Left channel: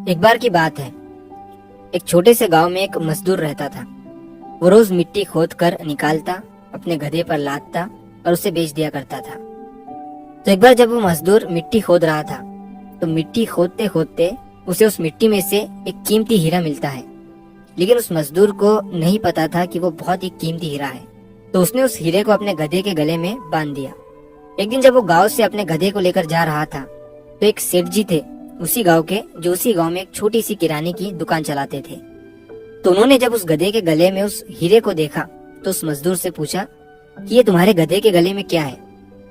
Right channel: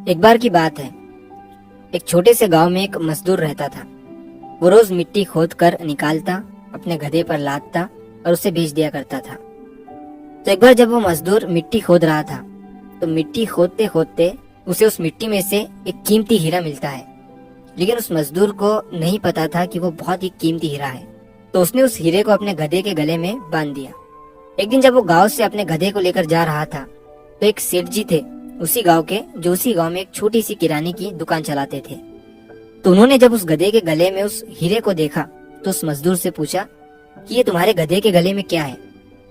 एक बार की बात है। एक छोटे से गांव में एक मजदूर रहता था। वो रोज मिट्टी खोद कर निकालता, अपने गधे पर लादता और उसे बेच दिया करता था। तो एक बार जब वो मजदूर मिट्टी खोद रहा था, तो मिट्टी खोदते खोदते उसे उस मिट्टी में से एक कीमती हीरा मिलता है। लेकिन उस मजदूर को नहीं पता था कि वो बहुत ही कीमती हीरा है। तो उसने उस हीरे को अपने गधे के गले में बांध दिया। एक दिन जब वो गांव से अपने गधे को लेकर जा रहा था, तो एक सेठ जी थे उसी गांव के, जो उसी गांव में एक छोटी सी किराने की दुकान चलाते थे। तो उन्होंने जब उस गधे के गले में उस हीरे को देखा, तो उस मजदूर से पूछा कि ये तुम्हारे गधे के गले में क्या है,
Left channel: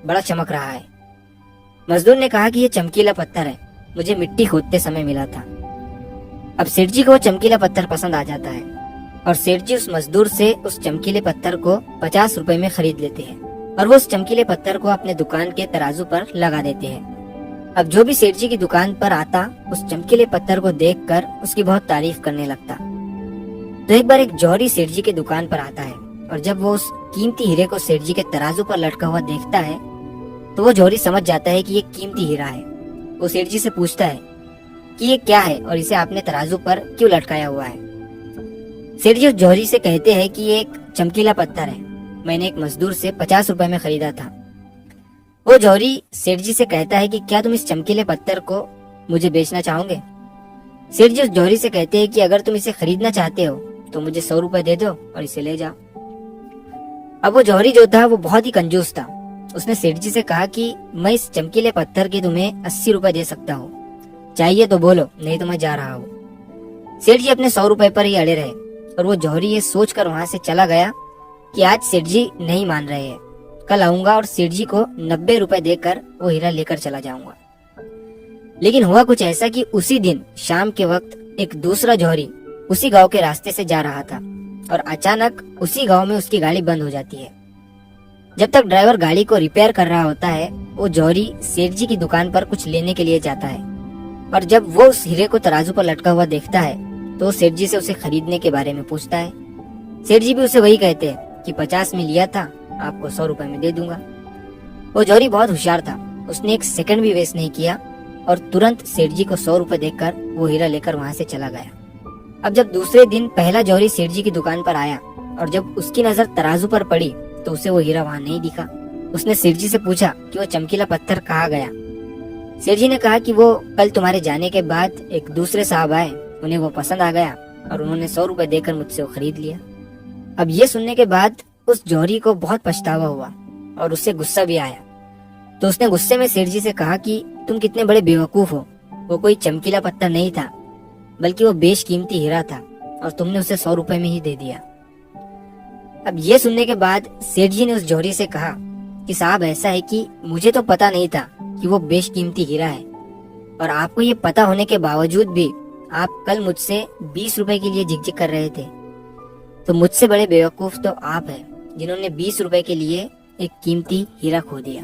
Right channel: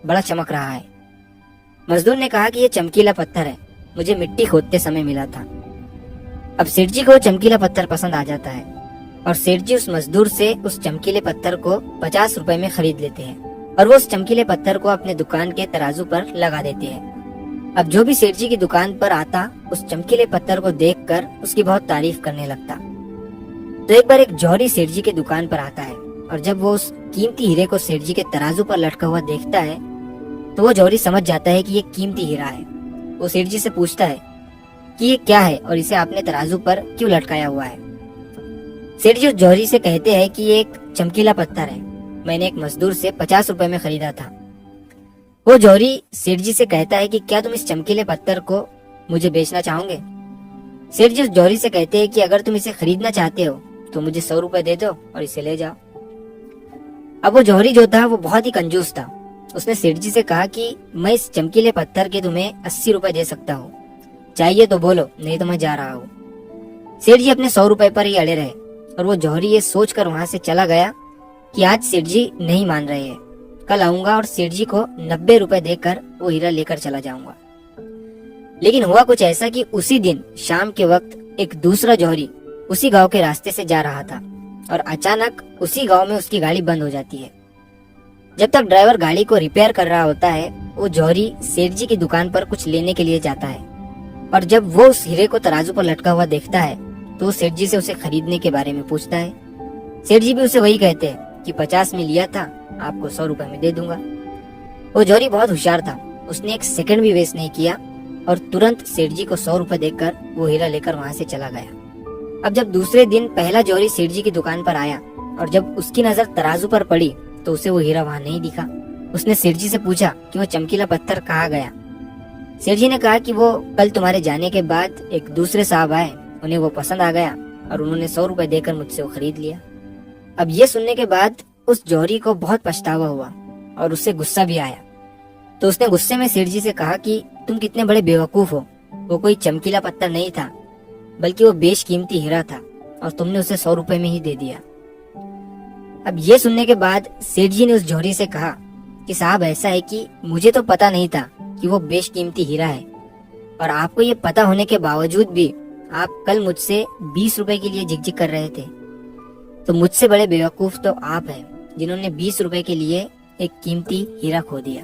बड़ा चमक रहा है। मजदूर ने कहा कि ये चमकीला पत्थर है, मुझे मिट्टी खोदते समय मिला था। अब सेठ जी को चमकीला पत्थर पसंद आ जाता है और सेठ जी उस मजदूर से उस चमकीले पत्थर को 50 रुपए में खरीद लेते हैं और वो उस चमकीले पत्थर को अपने दुकान के तराजू पर लगा देते हैं। अब जो भी सेठ जी की दुकान पर आता, उस चमकीले पत्थर को देखकर उसकी बहुत तारीफ करने लगता। तो एक बार एक जौहरी सेठ जी के दुकान पर आता है और जब वो उस कीमती हीरे को सेठ जी के तराजू पर लटका हुआ देखता है, तो वो जौहरी समझ जाता है कि ये कीमती हीरा है। वो सेठ जी से पूछता है कि ये क्या है और इसे आपने तराजू पर क्यों लटकाया हुआ है। सेठ जी उस जौहरी से कहते हैं कि ये एक चमकीला पत्थर है, मैंने एक मजदूर से 50 रुपए में खरीदा था। वो जौहरी सेठ जी से कहता है कि क्या तुम इस चमकीले पत्थर को मुझे बेचना चाहोगे। सेठ जी उस जौहरी से कहते हैं कि अगर तुम इसे खरीदना चाहते हो तो मुझे 100 रुपए दे दो और इसे ले जाओ। अब वो जौहरी जो था वो बहुत ही कंजूस था। उसने सेठ जी से कहा कि मैं इस चमकीले पत्थर के तुम्हें 80 रुपए दे सकता हूँ, चाहिए तो बोलो, नहीं तो मैं जा रहा हूँ। सेठ जी अपने 100 रुपए पर ही अड़े रहे और वो जौहरी ये सोचकर वहां से चला गया कि आज सेठ जी नहीं मान रहे हैं, कल आऊंगा और सेठ जी को 90 रुपए देकर वो हीरा लेकर चला जाऊंगा। लेकिन हुआ कुछ ऐसा कि उसी दिन शाम के वक्त एक दूसरा जौहरी उसी गांव के रास्ते से जा रहा था और अचानक उसी गांव में उसकी गाड़ी बंद हो जाती है। जब तक ड्राइवर गाड़ी को रिपेयर कर रहा होता है, वो जौहरी सेठ जी की दुकान पर कुछ लेने के लिए जाता है और जब वो उस हीरे को तराजू पर लटका हुआ देखता है, तो वो सेठ जी से उसे खरीदने के बारे में पूछता है। सेठ जी भी उसे वही कहते हैं कि 50 में लिया था, आपको 100 रुपए में दे दूंगा। वो जौहरी बहुत होशियार था, उसने एक सेकंड भी वेस्ट नहीं किया और तुरंत सेठ जी को 100 रुपए देकर वो हीरा लेकर वहां से चला गया। अब जब दूसरे दिन पहला जौहरी सेठ जी की दुकान पर आया और जब उसकी नजर तराजू पर पड़ी, तो उसे वो हीरा वहां नहीं दिखा। उसने सेठ जी से पूछा कि वो चमकीला पत्थर कहाँ गया। सेठ जी ने कहा कि वो कल तुम्हारे जाने के बाद एक दूसरे साहब आए, उन्हें वो पसंद आ गया और उन्होंने 100 रुपए देकर मुझसे वो खरीद लिया। अब ये सुनने के बाद उस जौहरी को बहुत पछतावा हुआ और उससे गुस्सा भी आया। तो उसने गुस्से में सेठ जी से कहा कि तुम कितने बड़े बेवकूफ हो, वो कोई चमकीला पत्थर नहीं था, बल्कि वो बेशकीमती हीरा था और तुमने उसे 100 रुपए में ही दे दिया। अब ये सुनने के बाद सेठ जी ने उस जौहरी से कहा कि साहब, ऐसा है कि मुझे तो पता नहीं था कि वो बेशकीमती हीरा है और आपको ये पता होने के बावजूद भी आप कल मुझसे 20 रुपए के लिए झिकझिक कर रहे थे। तो मुझसे बड़े बेवकूफ तो आप हैं, जिन्होंने 20 रुपए के लिए एक कीमती हीरा खो दिया।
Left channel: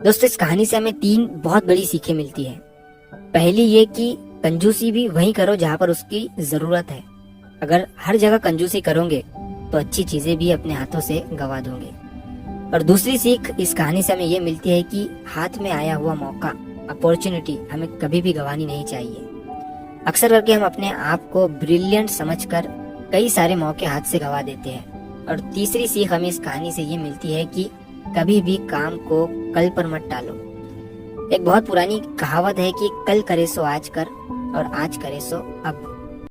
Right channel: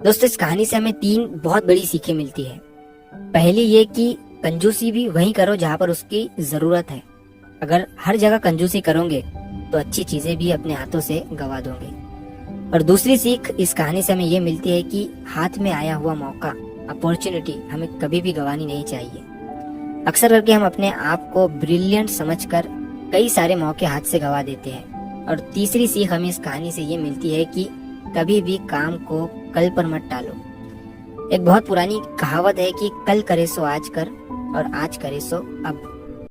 दोस्तों, इस कहानी से हमें 3 बहुत बड़ी सीखें मिलती है। पहली ये कि कंजूसी भी वहीं करो जहाँ पर उसकी जरूरत है। अगर हर जगह कंजूसी करोगे तो अच्छी चीजें भी अपने हाथों से गवा दोगे। और दूसरी सीख इस कहानी से हमें ये मिलती है कि हाथ में आया हुआ मौका, अपॉर्चुनिटी हमें कभी भी गंवानी नहीं चाहिए। अक्सर करके हम अपने आप को ब्रिलियंट समझकर कई सारे मौके हाथ से गवा देते हैं। और तीसरी सीख हमें इस कहानी से ये मिलती है कि कभी भी काम को कल पर मत टालो। एक बहुत पुरानी कहावत है कि कल करे सो आज कर और आज करे सो अब।